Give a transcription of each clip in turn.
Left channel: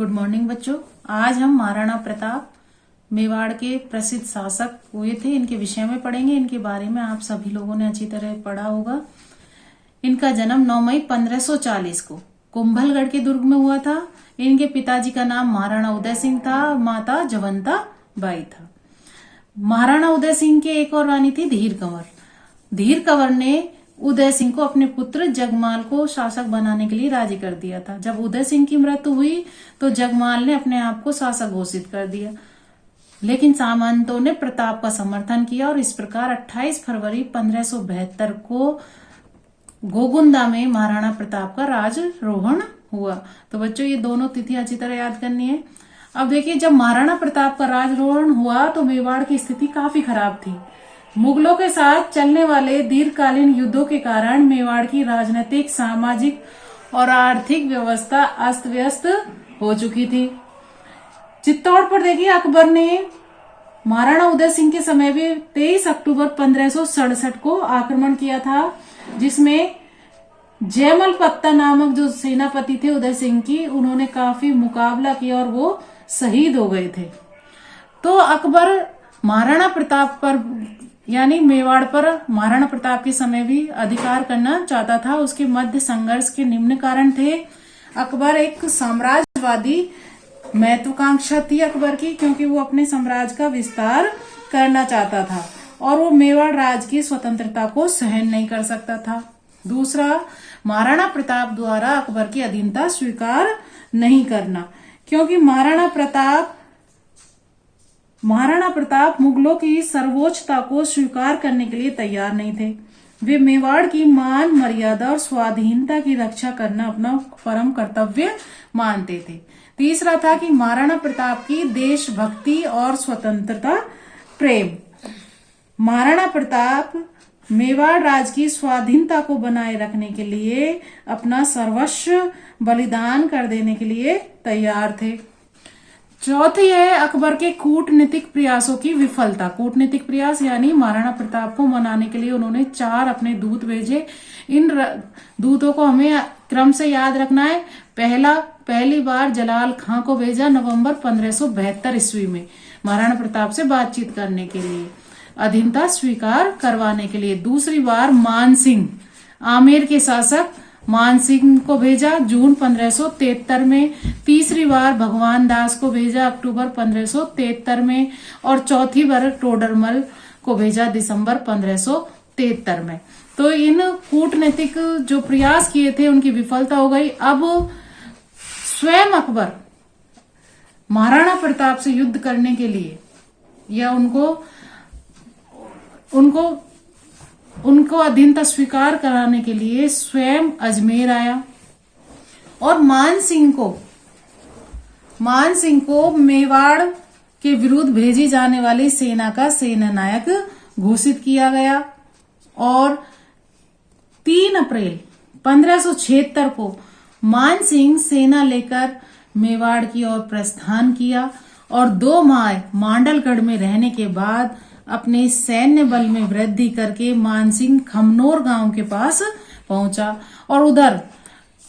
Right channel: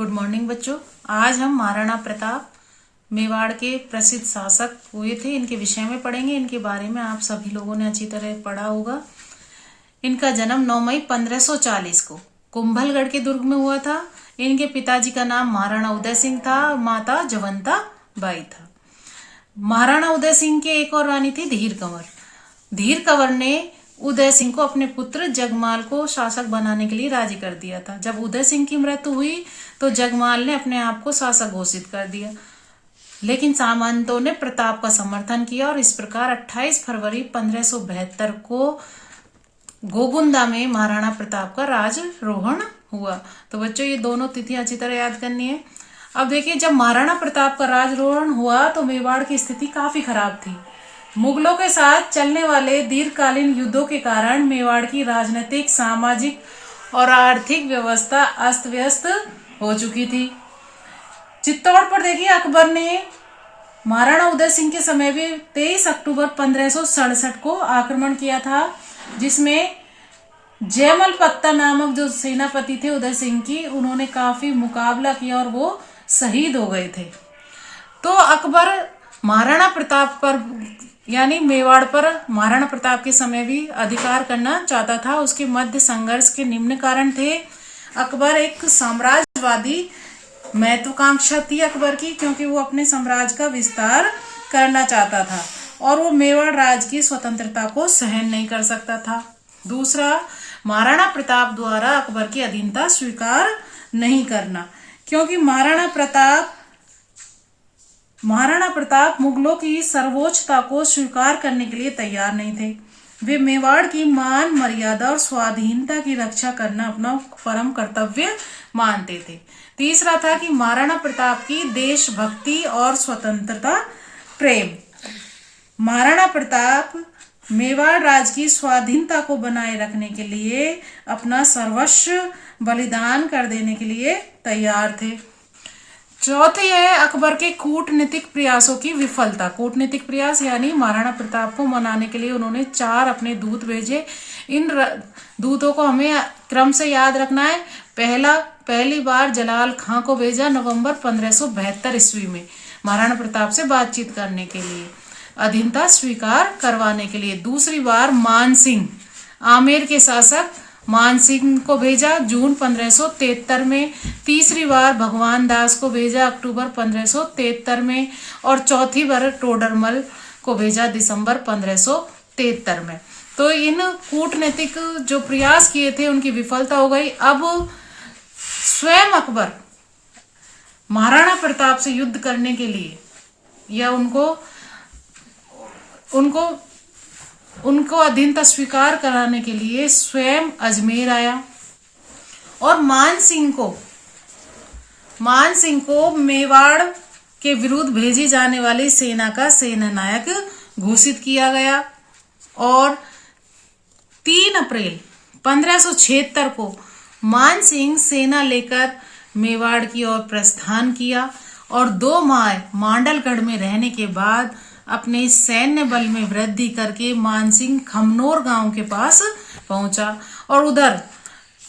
Good morning बच्चों। आज हम महाराणा प्रताप मेवाड़ के प्रसिद्ध शासक हुए थे, इनके विषय में पढ़ेंगे। इनके बारे में आप सभी लोगों ने अच्छी तरह पढ़ा होगा। इनका जन्म 9 मई 1540 को कुंभलगढ़ के दुर्ग में हुआ था। इनके पिताजी का नाम महाराणा उदय सिंह था और माता जवंता बाई था। महाराणा उदय सिंह के एक और रानी थी धीर कंवर। धीर कंवर ने उदय सिंह को अपने पुत्र जगमाल को शासक बनाने के लिए राजी कर दिया था। जब उदय सिंह की मृत्यु हुई तो जगमाल ने अपने आप को शासक घोषित कर दिया, लेकिन सामंतों ने प्रताप का समर्थन किया और इस प्रकार 28 फरवरी 1572 को गोगुंदा में महाराणा प्रताप का राजरोहण हुआ। तो बच्चों ये दोनों तिथियां अच्छी तरह याद करनी है। अब देखिए, जब महाराणा प्रताप का राजरोहण हुआ तो मेवाड़ की स्थिति काफी खराब थी। मुगलों के साथ चलने वाले दीर्घकालीन युद्धों के कारण मेवाड़ की राजनीतिक, सामाजिक और आर्थिक व्यवस्था अस्त व्यस्त हो चुकी थी। चित्तौड़ पर देखिए, अकबर ने महाराणा उदय सिंह के समय भी 23 अक्टूबर 1567 को आक्रमण किया था, जिसमें जयमल पत्ता नामक जो सेनापति थे उदय सिंह की, उन्होंने काफी मुकाबला किया और वो शहीद हो गए थे। तो अकबर महाराणा प्रताप पर यानी मेवाड़ पर महाराणा प्रताप के समय भी अधिकार करना चाहता था। उसके मध्य संघर्ष के निम्न कारण थे। अकबर एक साम्राज्यवादी महत्वाकांक्षा थी अकबर की, क्योंकि वो अपने साम्राज्य का विस्तार करना चाहता था और वो मेवाड़ राज्य की स्वतंत्रता को सहन नहीं कर सकता था। दूसरा, महाराणा प्रताप द्वारा अकबर की अधीनता स्वीकार नहीं करना, क्योंकि महाराणा प्रताप मुगलों की सर्वोच्चता को स्वीकार करने के लिए तैयार नहीं थे। वे मेवाड़ की मान मर्यादा और स्वाधीनता की रक्षा करना अपना परम कर्तव्य मानते थे। तीसरा था कि महाराणा प्रताप की देशभक्ति और स्वतंत्रता प्रेम। महाराणा प्रताप मेवाड़ राज्य की स्वाधीनता को बनाए रखने के लिए अपना सर्वस्व बलिदान कर देने के लिए तैयार थे। चौथे है अकबर के कूटनीतिक प्रयासों की विफलता। कूटनीतिक प्रयास यानी महाराणा प्रताप को मनाने के लिए उन्होंने 4 अपने दूत भेजे। इन दूतों को हमें क्रम से याद रखना है। पहली बार जलाल खां को भेजा नवंबर 1572 ईस्वी में महाराणा प्रताप से बातचीत करने के लिए, अधीनता स्वीकार करवाने के लिए। दूसरी बार मान सिंह, आमेर के शासक मान सिंह को भेजा जून 1573 में। तीसरी बार भगवान दास को भेजा अक्टूबर 1573 में और चौथी बार टोडरमल को भेजा दिसंबर 1573 में। तो इन कूटनीतिक जो प्रयास किए थे उनकी विफलता हो गई। अब स्वयं अकबर महाराणा प्रताप से युद्ध करने के लिए या उनको अधीनता स्वीकार कराने के लिए स्वयं अजमेर आया और मान सिंह को मेवाड़ के विरुद्ध भेजी जाने वाली सेना का सेनानायक घोषित किया गया और 3 अप्रैल 1576 को मान सिंह सेना लेकर मेवाड़ की ओर प्रस्थान किया और 2 माह मांडलगढ़ में रहने के बाद अपने सैन्य बल में वृद्धि करके मानसिंह खमनोर गांव के पास पहुंचा और उधर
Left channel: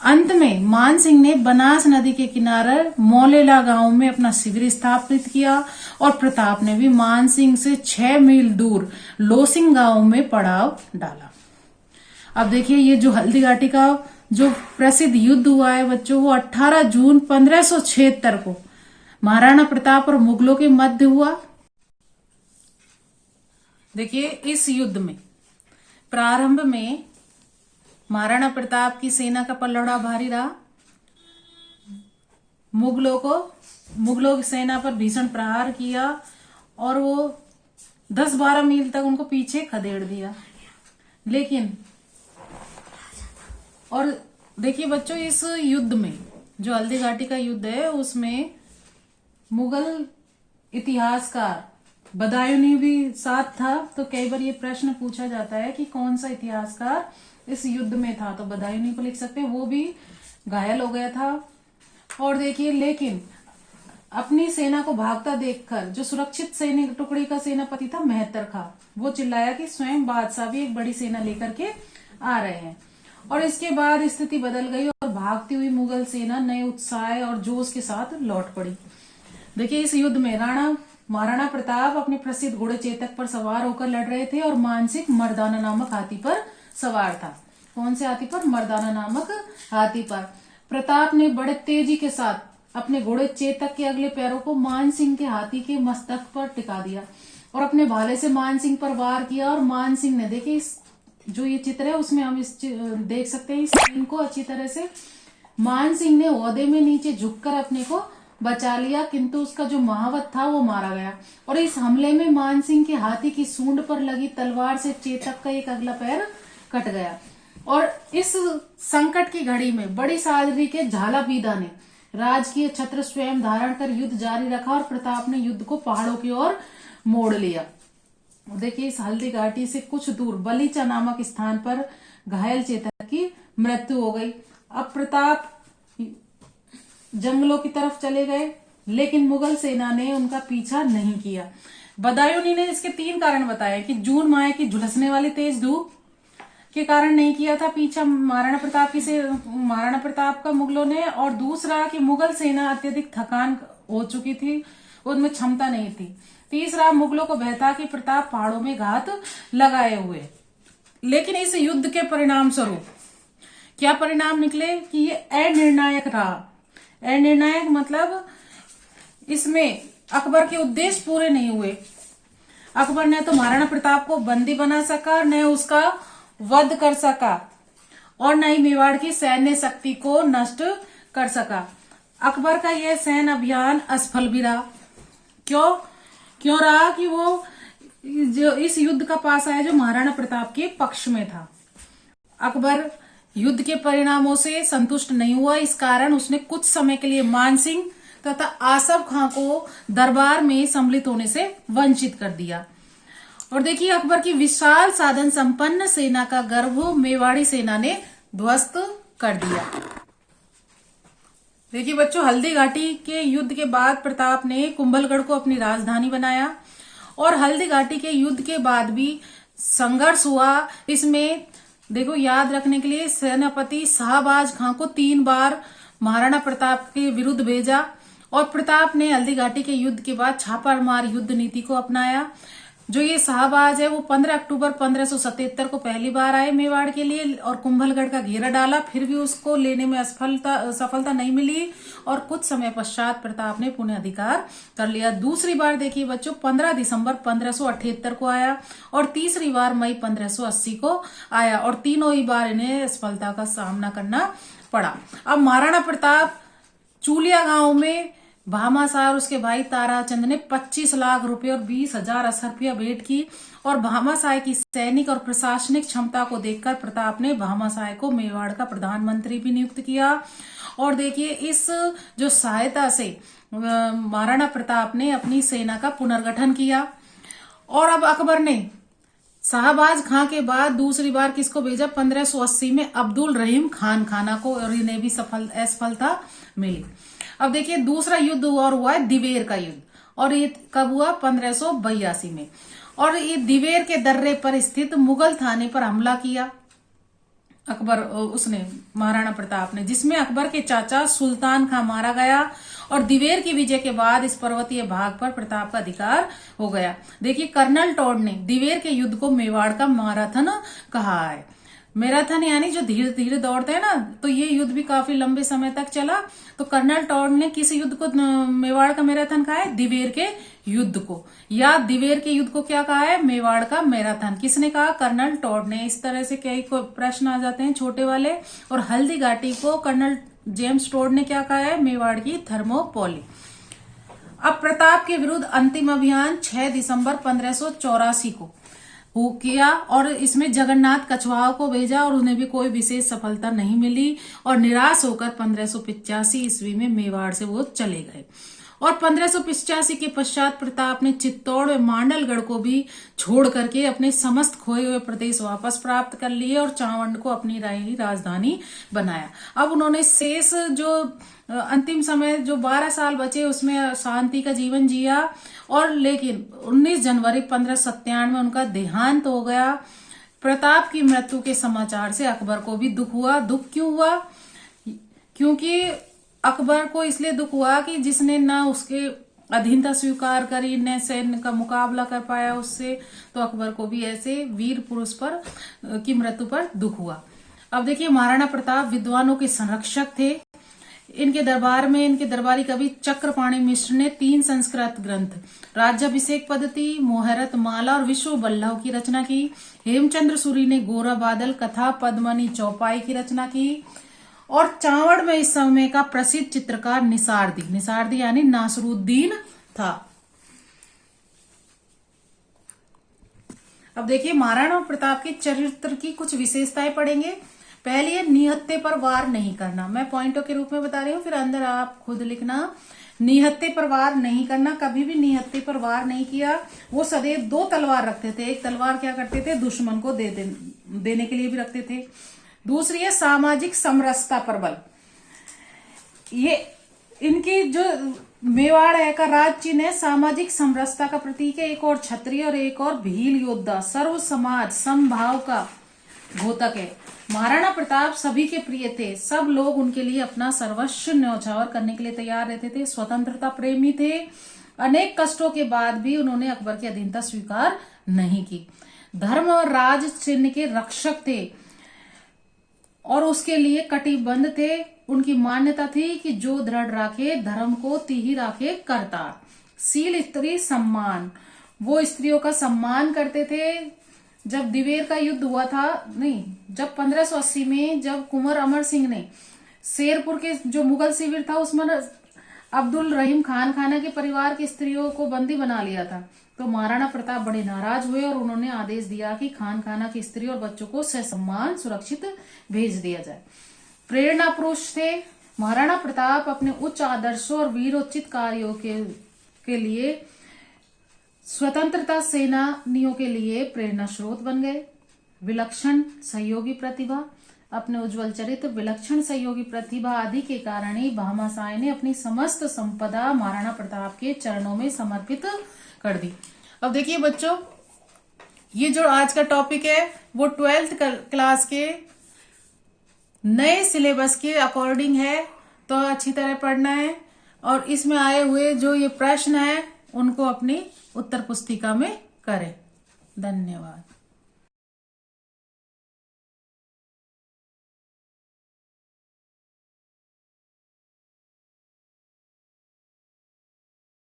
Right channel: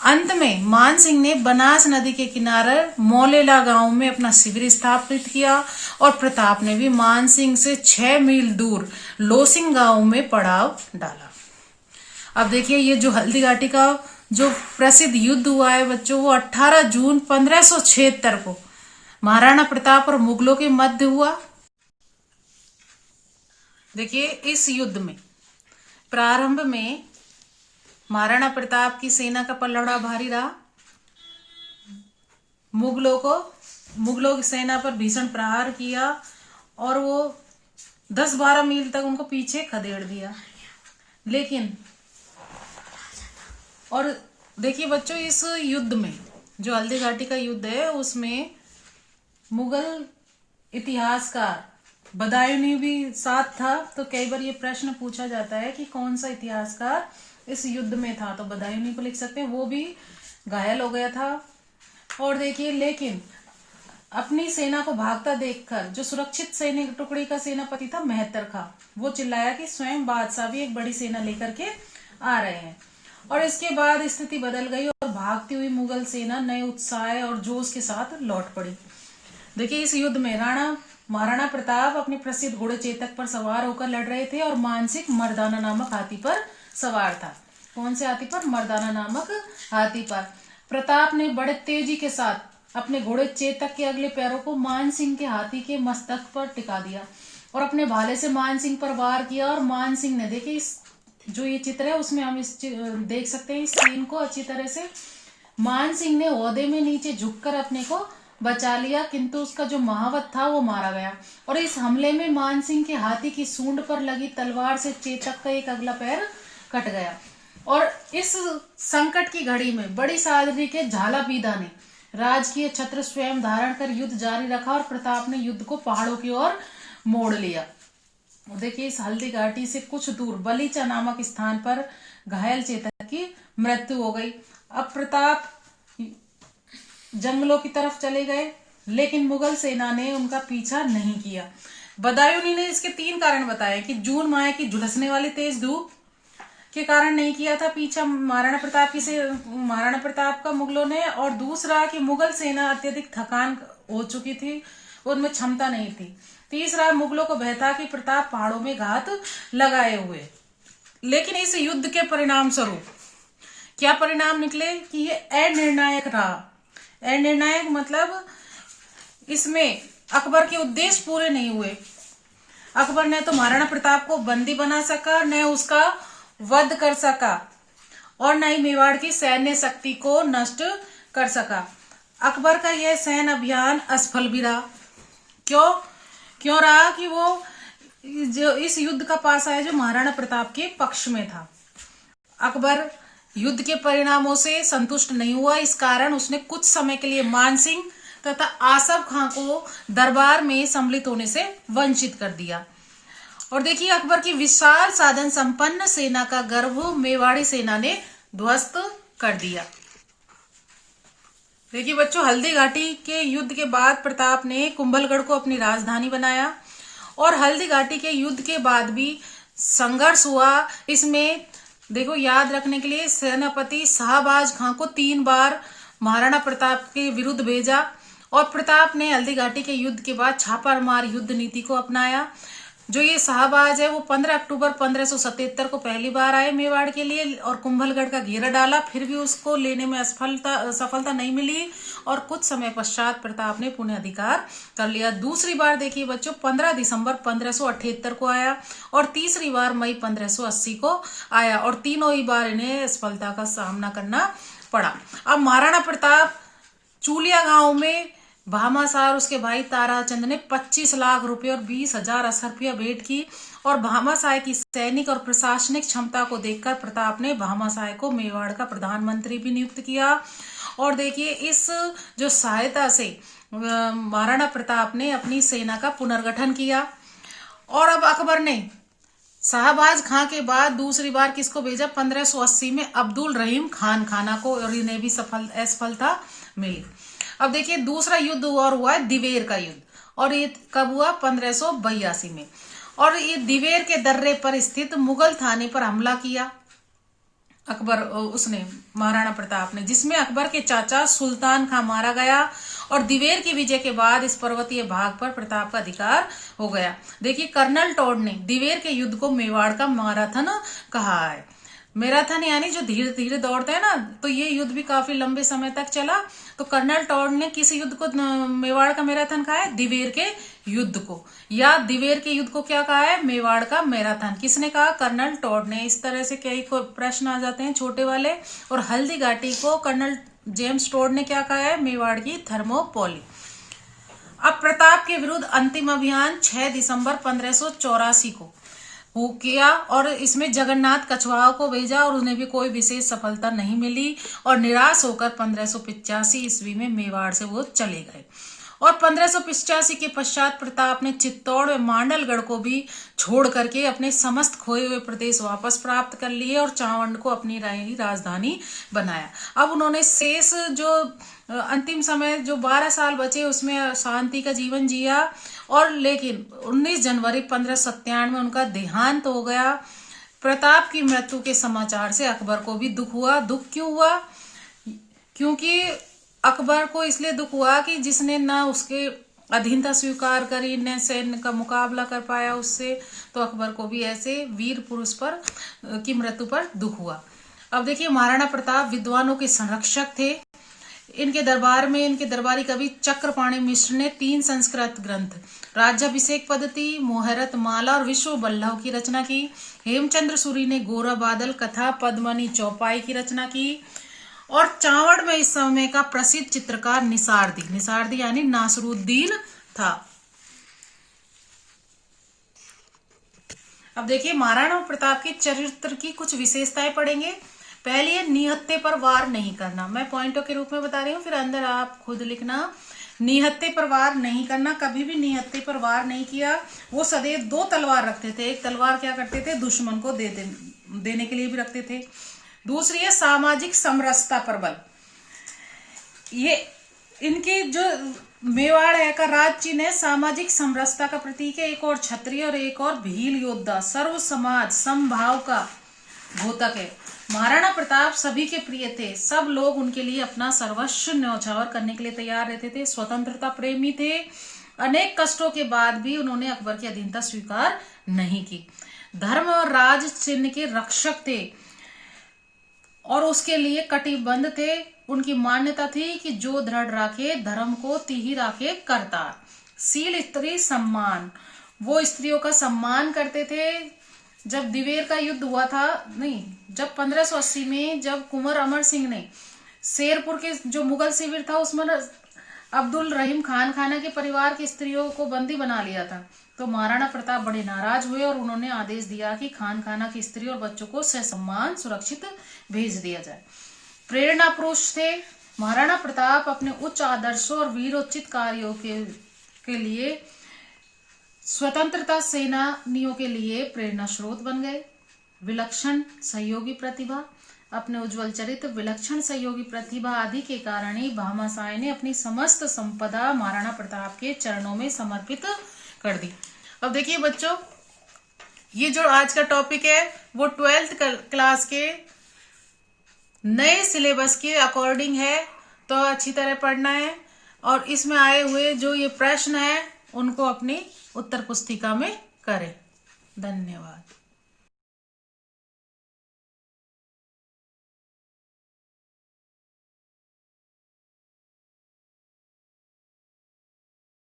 अंत में मानसिंह ने बनास नदी के किनारे मौलेला गांव में अपना शिविर स्थापित किया और प्रताप ने भी मानसिंह से 6 मील दूर लोसिंग गांव में पड़ाव डाला। अब देखिए, ये जो हल्दी घाटी का जो प्रसिद्ध युद्ध हुआ है बच्चों, वो 18 जून 1576 को महाराणा प्रताप और मुगलों के मध्य हुआ। देखिए, इस युद्ध में प्रारंभ में महाराणा प्रताप की सेना का पलड़ा भारी रहा। मुगलों की सेना पर भीषण प्रहार किया और वो 10-12 मील तक उनको पीछे खदेड़ दिया। लेकिन और देखिए बच्चों, इस युद्ध में जो हल्दी घाटी का युद्ध है उसमें मुगल इतिहासकार बदायूं भी साथ था। तो कई बार ये प्रश्न पूछा जाता है कि कौन सा इतिहासकार इस युद्ध में था, तो बदायूं को लिख सकते हैं। वो भी घायल हो गया था। और देखिए, लेकिन अपनी सेना को भागता देखकर जो सुरक्षित सैनिक टुकड़ी का सेनापति था मेहतर खां, वो चिल्लाया कि स्वयं बादशाह भी एक बड़ी सेना लेकर के आ रहे हैं। और इसके बाद स्थिति बदल गई और भागती हुई मुगल सेना नए उत्साह और जोश के साथ लौट पड़ी। देखिए, इस युद्ध में महाराणा प्रताप अपने प्रसिद्ध घोड़े चेतक पर सवार होकर लड़ रहे थे और मानसिंह मर्दाना नामक हाथी पर सवार था। कौन से हाथी पर? मर्दाना नामक हाथी पर। प्रताप ने बड़े तेजी के साथ अपने घोड़े चेतक के अगले पैरों को मानसिंह के हाथी के मस्तक पर टिका दिया और अपने भाले से मानसिंह पर वार किया। और मानसिंह ने, देखिए इस जो ये चित्र है उसमें हम देख सकते हैं इस सीन को अच्छी तरह से। मानसिंह ने ओहदे में नीचे झुककर अपने को बचा लिया, किंतु उसका जो महावत था वो मारा गया। और इस हमले में मानसिंह के हाथी की सूंड पर लगी तलवार से चेतक का एक अगला पैर कट गया। और इस संकट की घड़ी में बड़ी सादगी के झालापीदा ने राजकीय छत्र स्वयं धारण कर युद्ध जारी रखा और प्रताप ने युद्ध को पहाड़ों की ओर मोड़ लिया। देखिए, इस हल्दी घाटी से कुछ दूर बलीचा नामक स्थान पर घायल चेतक की मृत्यु हो गई। अब प्रताप जंगलों की तरफ चले गए, लेकिन मुगल सेना ने उनका पीछा नहीं किया। बदायूंनी ने इसके 3 कारण बताए कि जून माह की झुलसने वाली तेज धूप के कारण नहीं किया था पीछा महाराणा प्रताप का मुगलों ने, और दूसरा कि मुगल सेना अत्यधिक थकान हो चुकी थी, उनमें क्षमता नहीं थी। तीसरा, मुगलों को भय था कि प्रताप पहाड़ों में घात लगाए हुए। लेकिन इस युद्ध के परिणाम स्वरूप क्या परिणाम निकले कि ये अनिर्णायक रहा। अनिर्णायक मतलब इसमें अकबर के उद्देश्य पूरे नहीं हुए। अकबर ने तो महाराणा प्रताप को बंदी बना सका, न उसका वध कर सका और न ही मेवाड़ की सैन्य शक्ति को नष्ट कर सका। अकबर का यह सैन्य अभियान असफल भी रहा। क्यों रहा? कि वो जो इस युद्ध का पास आया जो महाराणा प्रताप के पक्ष में था। अकबर युद्ध के परिणामों से संतुष्ट नहीं हुआ, इस कारण उसने कुछ समय के लिए मानसिंह तथा आसफ खां को दरबार में सम्मिलित होने से वंचित कर दिया। और देखिए, अकबर की विशाल साधन संपन्न सेना का गर्व मेवाड़ी सेना ने ध्वस्त कर दिया। देखिए बच्चों, हल्दी घाटी के युद्ध के बाद प्रताप ने कुंभलगढ़ को अपनी राजधानी बनाया और हल्दी घाटी के युद्ध के बाद भी संघर्ष हुआ। इसमें देखो, याद रखने के लिए सेनापति शाहबाज खां को 3 बार महाराणा प्रताप के विरुद्ध भेजा और प्रताप ने हल्दी घाटी के युद्ध के बाद छापामार युद्ध नीति को अपनाया। जो ये शाहबाज है वो 15 अक्टूबर 1577 को पहली बार आए मेवाड़ के लिए और कुंभलगढ़ का घेरा डाला, फिर भी उसको लेने में सफलता नहीं मिली और कुछ समय पश्चात प्रताप ने पुनः अधिकार कर लिया। दूसरी बार देखिए बच्चों, 15 दिसंबर 1578 को आया और तीसरी बार मई 1580 को आया और तीनों ही बार इन्हें असफलता का सामना करना पड़ा। अब महाराणा प्रताप चूलिया गांव में भामाशाह और उसके भाई ताराचंद ने 25 लाख रुपए और 20,000 असरफिया भेंट की और भामाशाह की सैनिक और प्रशासनिक क्षमता को देखकर प्रताप ने भामाशाह को मेवाड़ का प्रधानमंत्री भी नियुक्त किया। और देखिए, इस जो सहायता से महाराणा प्रताप ने अपनी सेना का पुनर्गठन किया। और अब अकबर ने शाहबाज खां के बाद दूसरी बार किसको भेजा? 1580 में अब्दुल रहीम खाना को, और इन्हें भी असफलता मिली। अब देखिए, दूसरा युद्ध और हुआ है दिवेर का युद्ध और ये कब हुआ? 1582 में। और ये दिवेर के दर्रे पर स्थित मुगल थाने पर हमला किया महाराणा प्रताप ने, जिसमें अकबर के चाचा सुल्तान खां मारा गया और दिवेर की विजय के बाद इस पर्वतीय भाग पर प्रताप का अधिकार हो गया। देखिए, कर्नल टॉड ने दिवेर के युद्ध को मेवाड़ का मैराथन कहा है। मैराथन यानी जो धीरे धीरे दौड़ते हैं ना, तो ये युद्ध भी काफी लंबे समय तक चला। तो कर्नल टॉड ने किस युद्ध को मेवाड़ का मैराथन कहा है? दिवेर के युद्ध को। या दिवेर के युद्ध को क्या कहा है? मेवाड़ का मैराथन। किसने कहा? कर्नल टॉड ने। इस तरह से कई प्रश्न आ जाते हैं छोटे वाले। और हल्दी घाटी को कर्नल जेम्स टॉड ने क्या कहा है? मेवाड़ की थर्मोपोली। अब प्रताप के विरुद्ध अंतिम अभियान 6 दिसंबर 1584 को किया और इसमें जगन्नाथ कछवाहा को भेजा और उन्हें भी कोई विशेष सफलता नहीं मिली और निराश होकर 1585 ईस्वी में मेवाड़ से वो चले गए। और 1585 के पश्चात प्रताप ने चित्तौड़ व मांडलगढ़ को भी छोड़ करके अपने समस्त खोए हुए प्रदेश वापस प्राप्त कर लिए और चावंड को अपनी राजधानी बनाया। अब उन्होंने शेष जो अंतिम समय जो 12 साल बचे उसमें शांति का जीवन जिया और लेकिन 19 जनवरी 1597 में उनका देहांत हो गया। प्रताप की मृत्यु के समाचार से अकबर को भी दुख हुआ। दुख क्यों हुआ? क्योंकि अकबर को इसलिए दुख हुआ कि जिसने ना उसके अधीनता स्वीकार करी, न सैन्य का मुकाबला कर पाया उससे, तो अकबर को भी ऐसे वीर पुरुष पर की मृत्यु पर दुख हुआ। अब देखिए, महाराणा प्रताप विद्वानों के संरक्षक थे। इनके दरबार में इनके दरबारी कवि चक्रपाणि मिश्र ने 3 संस्कृत ग्रंथ, राज्याभिषेक पद्धति, मोहरत माला और विश्व बल्लभ की रचना की। हेमचंद्र सूरी ने गोरा बादल कथा पद्मनी चौपाई की रचना की। और चावड़ में इस समय का प्रसिद्ध चित्रकार निसारदी यानी नासरुद्दीन था। अब देखिए, महाराणा प्रताप के चरित्र की कुछ विशेषताएं पढ़ेंगे। पहली है, निहत्थे पर वार नहीं करना। मैं पॉइंटों के रूप में बता रही हूँ, फिर अंदर आप खुद लिखना। निहत्थे पर वार नहीं करना, कभी भी निहत्थे पर वार नहीं किया। वो सदैव 2 तलवार रखते थे। एक तलवार क्या करते थे, दुश्मन को देने के लिए भी रखते थे। दूसरी है सामाजिक समरसता पर बल। ये इनकी जो मेवाड़ है का राज चिन्ह है, सामाजिक समरसता का प्रतीक है। एक और क्षत्रिय और एक और भील योद्धा, सर्व समाज समभाव का घोतक है। महाराणा प्रताप सभी के प्रिय थे। सब लोग उनके लिए अपना सर्वस्व न्यौछावर करने के लिए तैयार रहते थे। स्वतंत्रता प्रेमी थे। अनेक कष्टों के बाद भी उन्होंने अकबर की अधीनता स्वीकार नहीं की। धर्म और राज चिन्ह के रक्षक थे और उसके लिए कटिबद्ध थे। उनकी मान्यता थी कि जो दृढ़ राखे धर्म को तिहि राखे करतार। शील स्त्री सम्मान, वो स्त्रियों का सम्मान करते थे। जब दिवेर का युद्ध हुआ था, जब 1580 में जब कुंवर अमर सिंह ने शेरपुर के जो मुगल शिविर था उसमें अब्दुल रहीम खान खाना के परिवार की स्त्रियों को बंदी बना लिया था, तो महाराणा प्रताप बड़े नाराज हुए और उन्होंने आदेश दिया कि खान खाना की स्त्री और बच्चों को ससम्मान सुरक्षित भेज दिया जाए। प्रेरणा पुरुष थे। महाराणा प्रताप अपने उच्च आदर्शों और वीरोचित कार्यों के लिए स्वतंत्रता सेनानियों के लिए प्रेरणा स्रोत बन गए। विलक्षण सहयोगी प्रतिभा, अपने उज्जवल चरित्र, विलक्षण सहयोगी प्रतिभा आदि के कारण ही भामाशाह ने अपनी समस्त संपदा महाराणा प्रताप के चरणों में समर्पित कर दी। अब देखिए बच्चों, ये जो आज का टॉपिक है वो 12th क्लास के नए सिलेबस के अकॉर्डिंग है, तो अच्छी तरह पढ़ना है और इसमें आए हुए जो ये प्रश्न है उनको अपनी उत्तर पुस्तिका में करें। धन्यवाद।